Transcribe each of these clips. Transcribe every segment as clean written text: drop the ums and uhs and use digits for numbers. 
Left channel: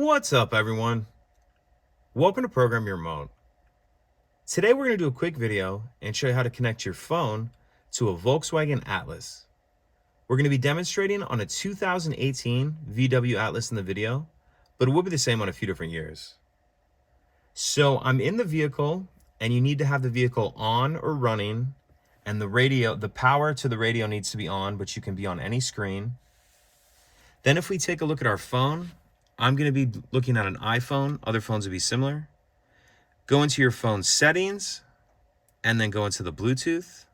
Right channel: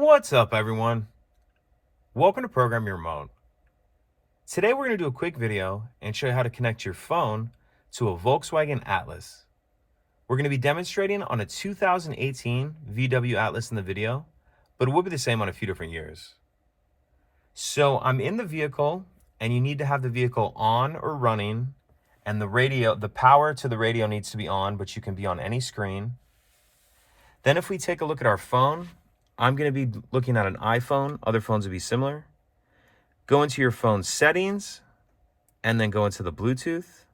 What's up, everyone? Welcome to Program Your Remote. Today we're going to do a quick video and show you how to connect your phone to a Volkswagen Atlas. We're going to be demonstrating on a 2018 VW Atlas in the video, but it will be the same on a few different years. So I'm in the vehicle and you need to have the vehicle on or running, and the power to the radio needs to be on, but you can be on any screen. Then if we take a look at our phone, I'm going to be looking at an iPhone. Other phones would be similar. Go into your phone settings and then go into the Bluetooth.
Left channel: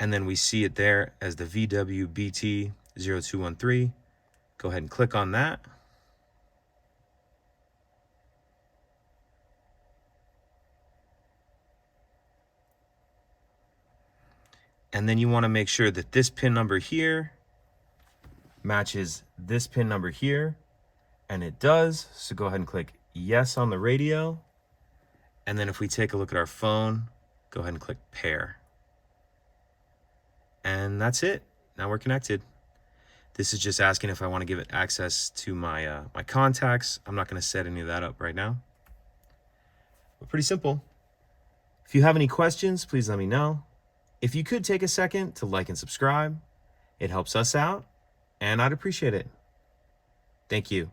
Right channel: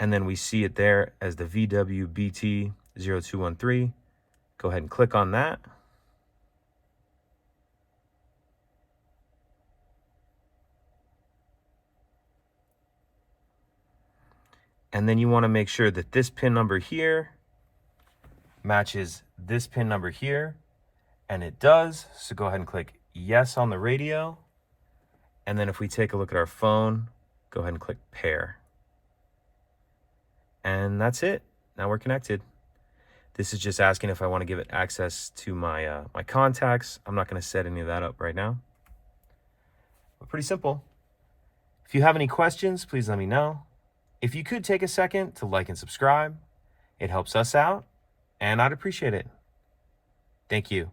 And then we see it there as the VW BT0213. Go ahead and click on that. And then you want to make sure that this pin number here matches this pin number here, and it does. So go ahead and click yes on the radio. And then if we take a look at our phone, go ahead and click pair. And that's it. Now we're connected. This is just asking if I want to give it access to my my contacts. I'm not going to set any of that up right now. But pretty simple. If you have any questions, please let me know. If you could take a second to like and subscribe, it helps us out, and I'd appreciate it. Thank you.